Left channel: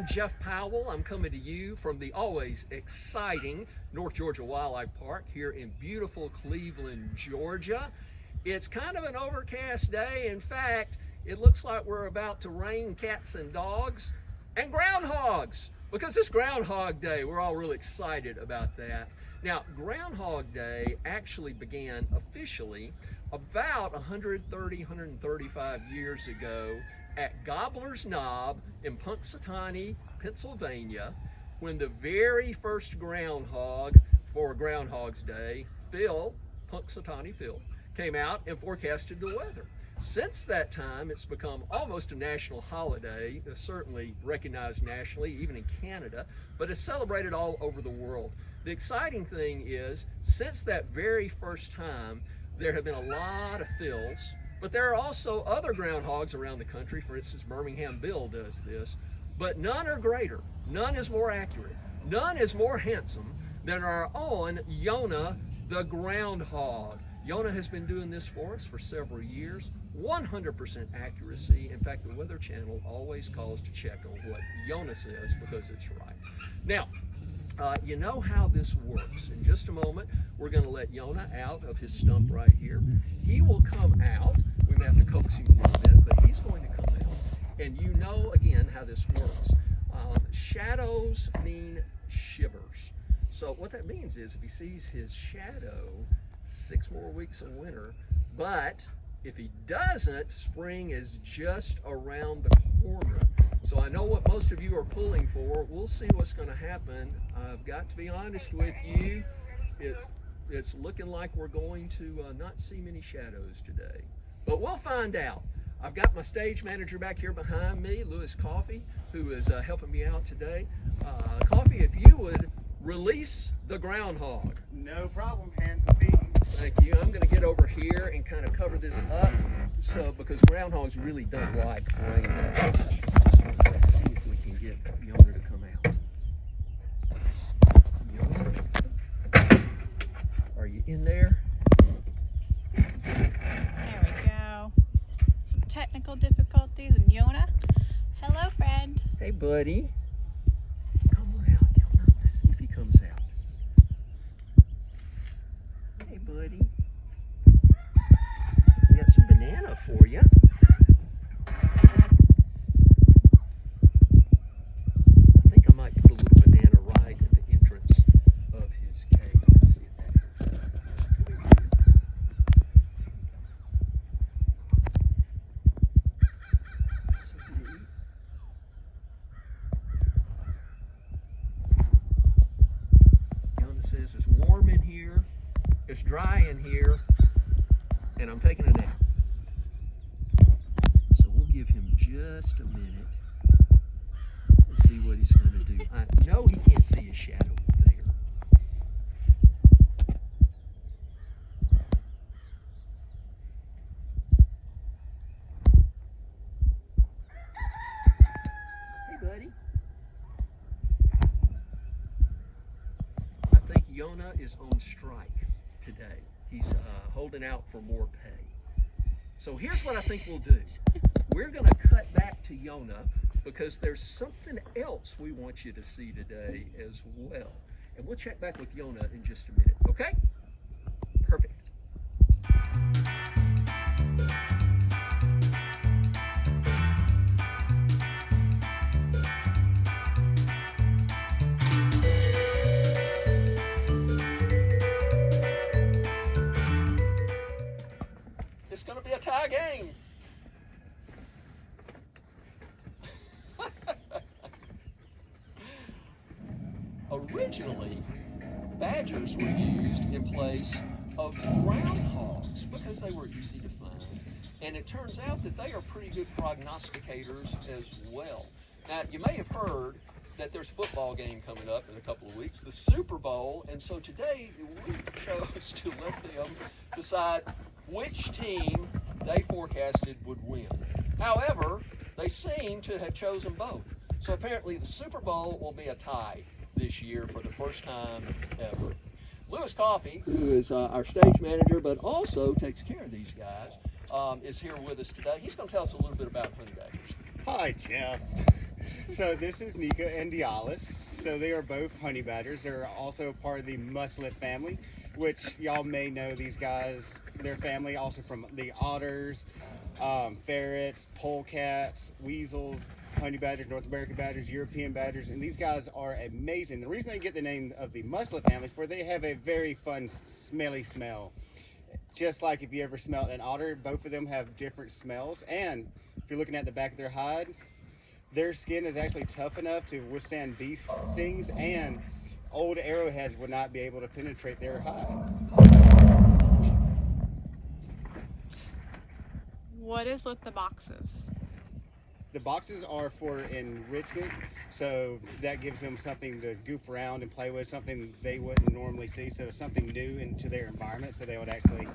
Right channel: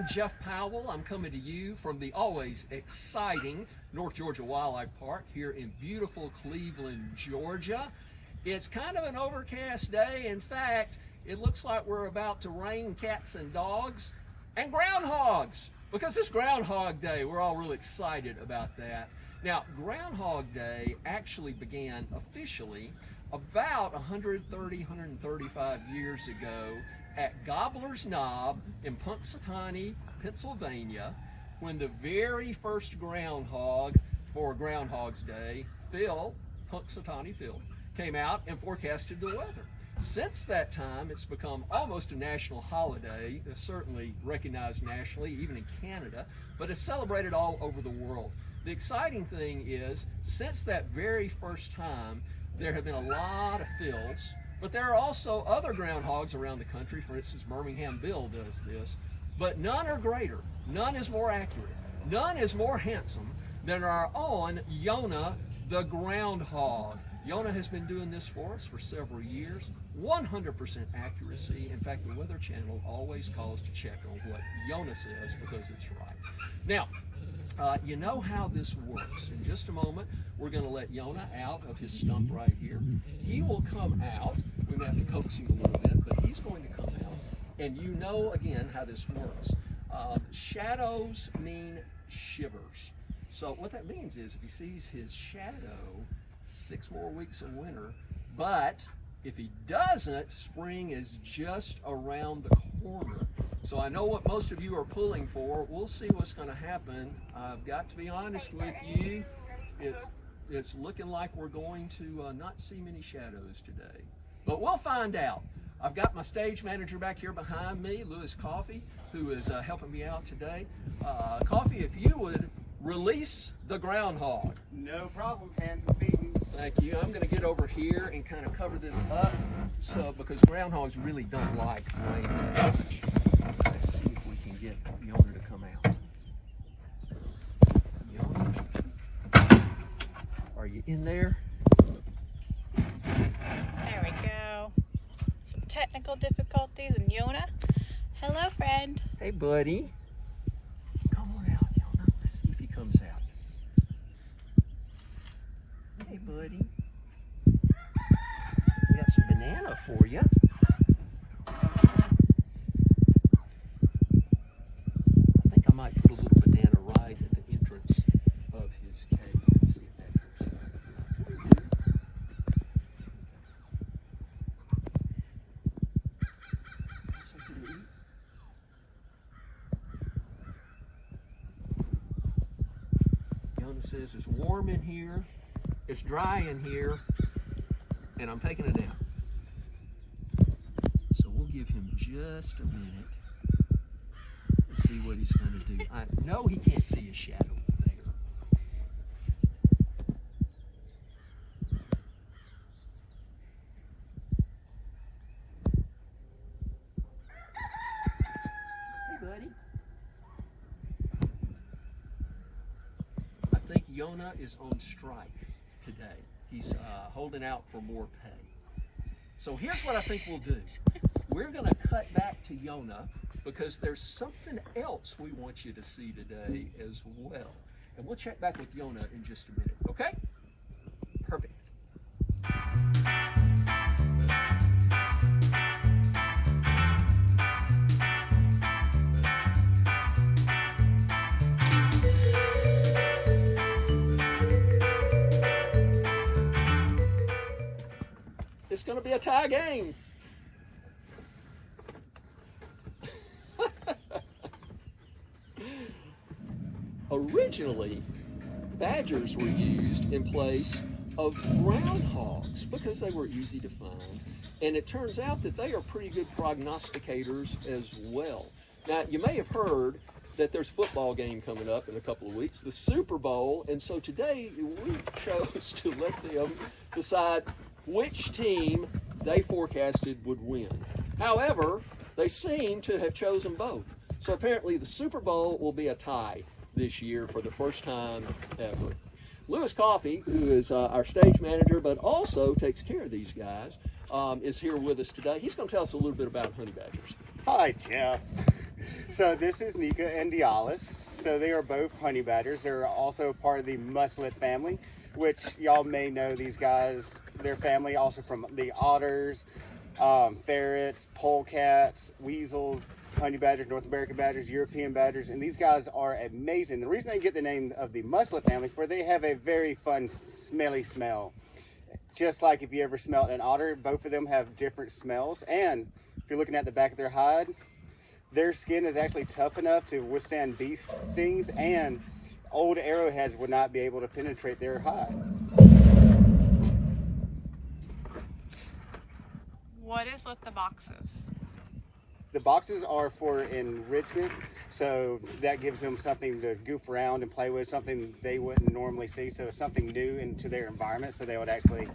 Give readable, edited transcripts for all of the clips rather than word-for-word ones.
I'm Jeff Powell. I'm coming to you from the always exciting North Georgia Wildlife Park here in beautiful Cleveland, Georgia. It's kind of an overcast day. In fact, it looks like we're about to rain cats and dogs and groundhogs, because it's Groundhog Day. We're all really excited about that. Now, Groundhog Day actually began officially about 135 years ago at Gobbler's Knob in Punxsutawney, Pennsylvania, when the very first groundhog for Groundhog's Day, Punxsutawney Phil, came out and forecasted the weather. Since that time, it's become almost a national holiday, certainly recognized nationally, even in Canada, but it's celebrated all over the world. The exciting thing is, since that very first time, there have been a lot of Phils, but there are also other groundhogs around the country. For instance, Birmingham Bill does this, but none are greater, none is more accurate, none is more handsome than our own Yonah the groundhog. Yonah has been doing this for us for several years, 100% accuracy. In fact, the Weather Channel always calls to check on what Yonah says because it's right. Now, you know how this works. In just a moment, we're going to let Yonah out of his stump right here. He will come out. We may have to coax him a little bit, but he's going to come out. And you know, again, how this works. Shadows mean shivers. So what that means is if he sees his shadow, 6 more weeks of winter, but if he doesn't, spring is just around the corner. So I know what most of you are pulling for. We'll see what's going to happen. I've got to be honest with you. It's looking like we're going to not see many shadows today. But we'll find out. I've got my stage manager back here behind me, Lewis Coffey, who is helping me out today. Coffey, if you would release the groundhog. No problem, hands and feet. Thank you. I'm going to get over here and kind of cover this up, because groundhogs really don't like rain. Let's see if we can get Yonah to come out. Yonah, are you in there? There we go. Some technical difficulties, and Yonah. Hello, friend. Hey, buddy. Come on out, Yonah. Let's see if he comes out. Hey, buddy. We got some banana for you. I think I might put a little banana right at the entrance of his cave. Let's see if that goes. Something to eat? Yonah says it's warm in here, it's dry in here, and I'm taking a nap. So we'll give him just a minute and see what he's going to do. I know he can't see his shadow there. Hey, buddy. I think Yonah is on strike today. He's holding out for more pay. So here's what I think we'll do. We're going to cut back to Yonah because there's something else we want you to see today as well. And we'll check back with Yonah in just a minute, okay? Perfect. It's going to be a tie game. Originally, badgers were used in place of groundhogs because they were easy to find. And it turns out that they are pretty good prognosticators as well. Now, you may have heard that there's a football game coming up in a couple of weeks, the Super Bowl, and so today we chose to let them decide which team they forecasted would win. However, they seem to have chosen both. So apparently the Super Bowl will be a tie this year for the first time ever. Lewis Coffey, who is our stage manager but also takes care of these guys, is here with us today. He's going to tell us a little bit about honey badgers. Hi, Jeff. So this is Nika and Dialis. So they are both honey badgers. They're also part of the muslet family, which y'all may know these guys. Their family also from the otters, ferrets, polecats, weasels, honey badgers, North American badgers, European badgers, and these guys are amazing. The reason they get the name of the muslet family is for they have a very fun, smelly smell. Just like if you ever smelled an otter, both of them have different smells. And if you're looking at the back of their hide, their skin is actually tough enough to withstand bee stings, and old arrowheads would not be able to penetrate their hide. What is with the boxes? The boxes are for enrichment, so that gives them something to goof around and play with, something they wouldn't normally see, so something new into their environment, so they would actually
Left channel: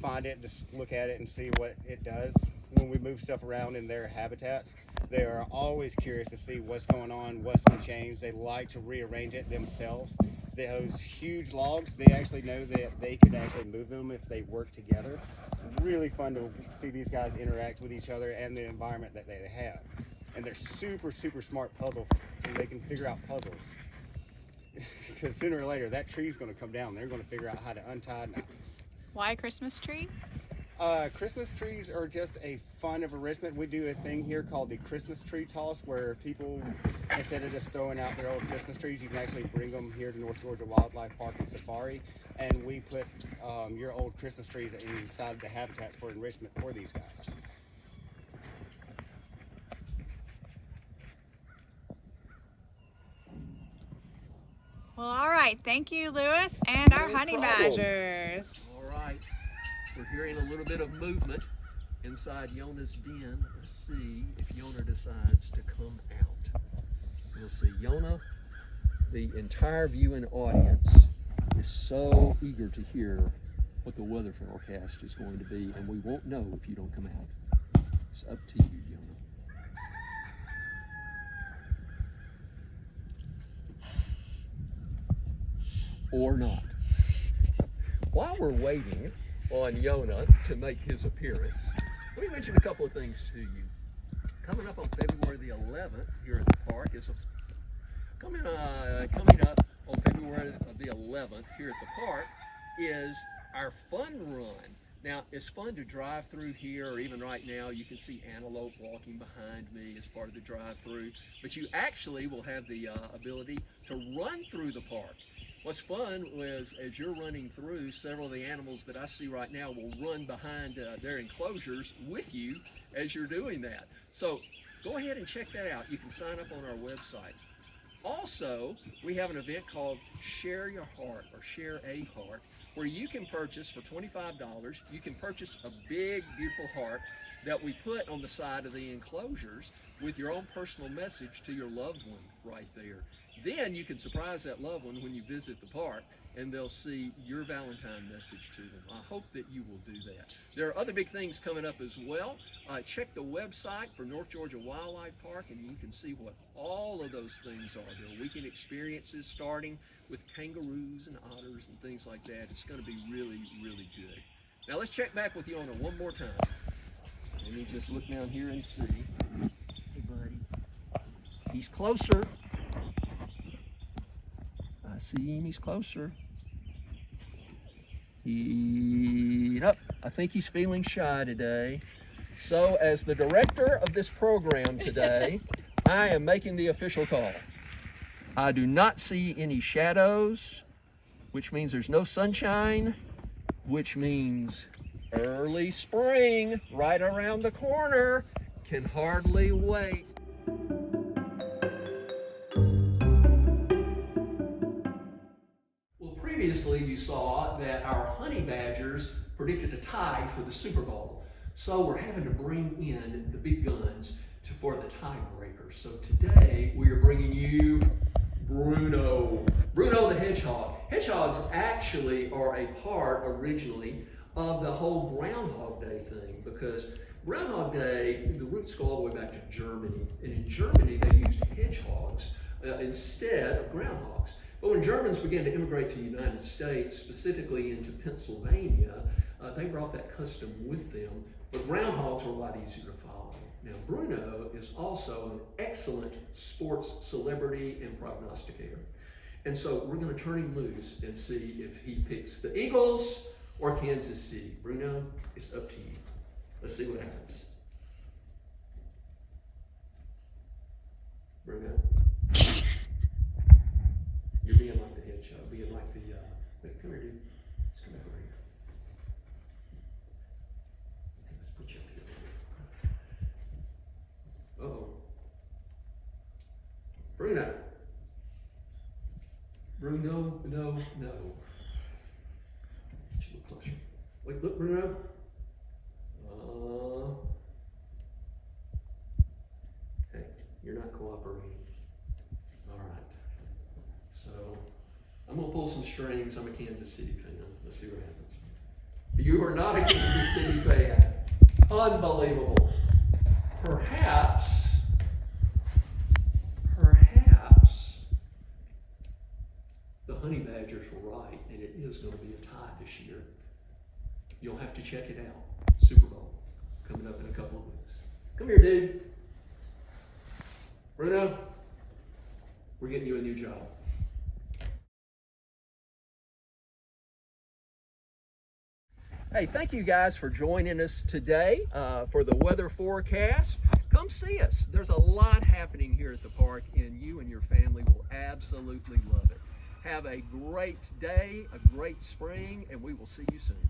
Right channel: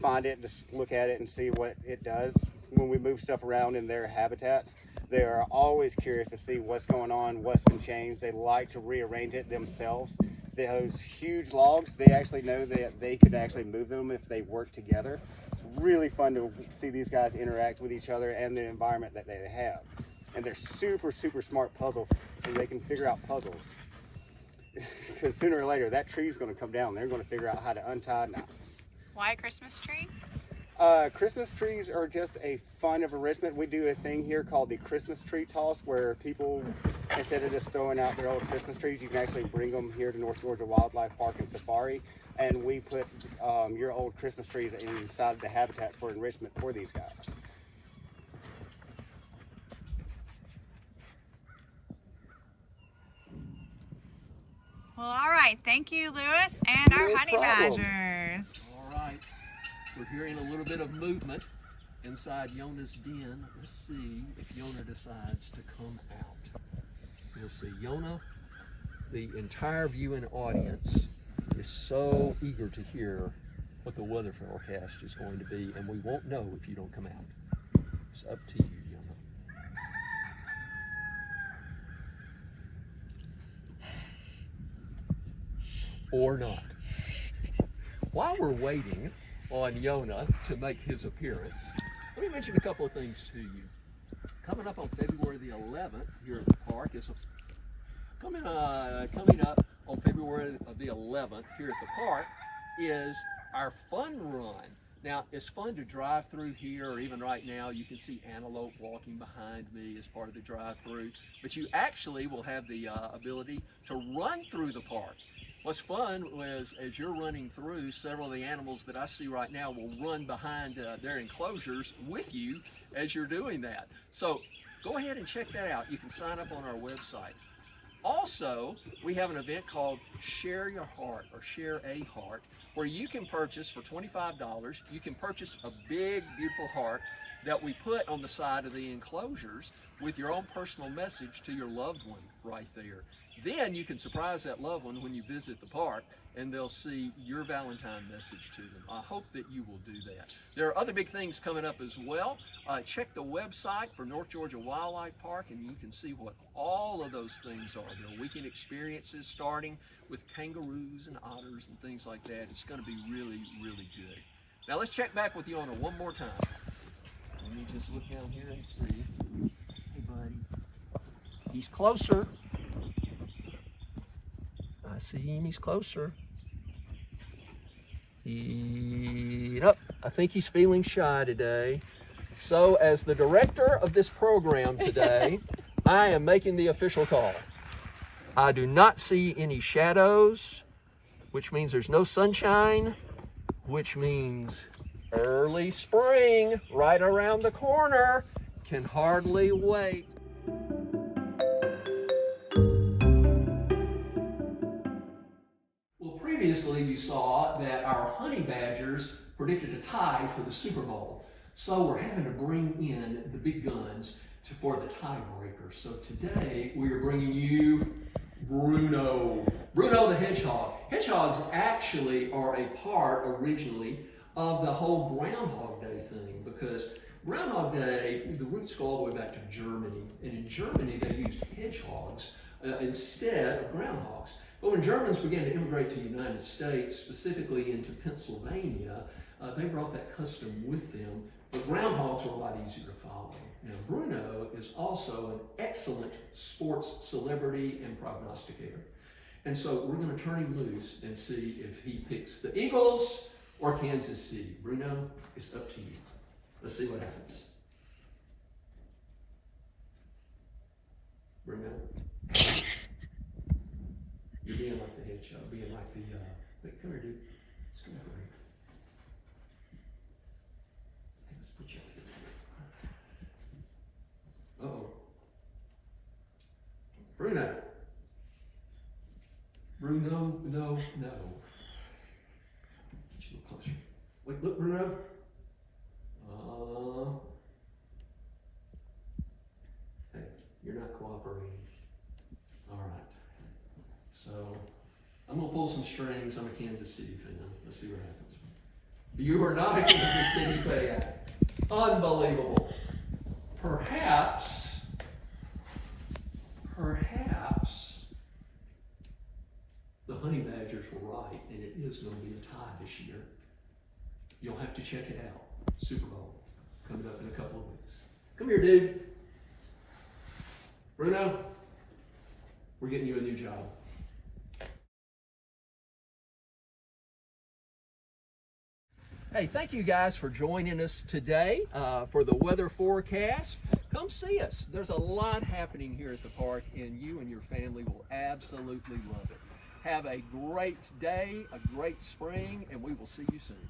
find it, just look at it and see what it does. When we move stuff around in their habitats, they are always curious to see what's going on, what's been changed. They like to rearrange it themselves. Those huge logs, they actually know that they can actually move them if they work together. It's really fun to see these guys interact with each other and the environment that they have. And they're super, super smart puzzle. They can figure out puzzles. Because sooner or later, that tree's going to come down. They're going to figure out how to untie knots. Why a Christmas tree? Christmas trees are just a fun of enrichment. We do a thing here called the Christmas tree toss, where people, instead of just throwing out their old Christmas trees, you can actually bring them here to North Georgia Wildlife Park and Safari, and we put your old Christmas trees inside of the habitats for enrichment for these guys. Well, all right. Thank you, Lewis, and our No honey problem. badgers. All right, we're hearing a little bit of movement inside Yonah's den. Let's see if Yonah decides to come out. We'll see. Yonah, the entire viewing audience is so eager to hear what the weather forecast is going to be, and we won't know if you don't come out. It's up to you, Yonah. Or not. While we're waiting on Yonah to make his appearance, let me mention a couple of things to you. Coming up on February the 11th here at the park is coming up on February the 11th here at the park is our fun run. Now, it's fun to drive through here, or even right now, you can see antelope walking behind me as part of the drive-through, but you actually will have the ability to run through the park. What's fun is, as you're running through, several of the animals that I see right now will run behind their enclosures with you as you're doing that. So go ahead and check that out. You can sign up on our website. Also, we have an event called Share Your Heart, or Share a Heart, where you can purchase for $25, you can purchase a big, beautiful heart that we put on the side of the enclosures with your own personal message to your loved one right there. Then you can surprise that loved one when you visit the park, and they'll see your Valentine message to them. I hope that you will do that. There are other big things coming up as well. Check the website for North Georgia Wildlife Park, and you can see what all of those things are. There are weekend experiences starting with kangaroos and otters and things like that. It's going to be really, really good. Now let's check back with Yonah one more time. Let me just look down here and see. Hey, buddy. He's closer. I see him, he's closer. I think he's feeling shy today. So as the director of this program today, I am making the official call. I do not see any shadows, which means there's no sunshine, which means early spring right around the corner. Can hardly wait. Previously, you saw that our honey badgers predicted a tie for the Super Bowl. So we're having to bring in the big guns for the tiebreaker. So today we are bringing you Bruno. Bruno the hedgehog. Hedgehogs actually are a part originally of the whole Groundhog Day thing, because Groundhog Day, the roots go all the way back to Germany. And in Germany, they used hedgehogs instead of groundhogs. But when Germans began to immigrate to the United States, specifically into Pennsylvania, they brought that custom with them, But groundhogs are a lot easier to follow. Now, Bruno is also an excellent sports celebrity and prognosticator. And so we're going to turn him loose and see if he picks the Eagles or Kansas City. Bruno, it's up to you. Let's see what happens. Bruno? You're being like the hedgehog, being like the, wait, come here, dude. Let's come over here. Let's put you up here. Uh-oh. Bruno. Bruno, no. Get you a little closer. Wait, look, Bruno. Hey, you're not cooperating. All right. So, I'm going to pull some strings. I'm a Kansas City fan. Let's see what happens. You are not a Kansas City fan. Unbelievable. Perhaps, the Honey Badgers were right, and it is going to be a tie this year. You'll have to check it out. Super Bowl coming up in a couple of weeks. Come here, dude. Bruno, we're getting you a new job. Hey, thank you guys for joining us today for the weather forecast. Come see us. There's a lot happening here at the park, and you and your family will absolutely love it. Have a great day, a great spring, and we will see you soon.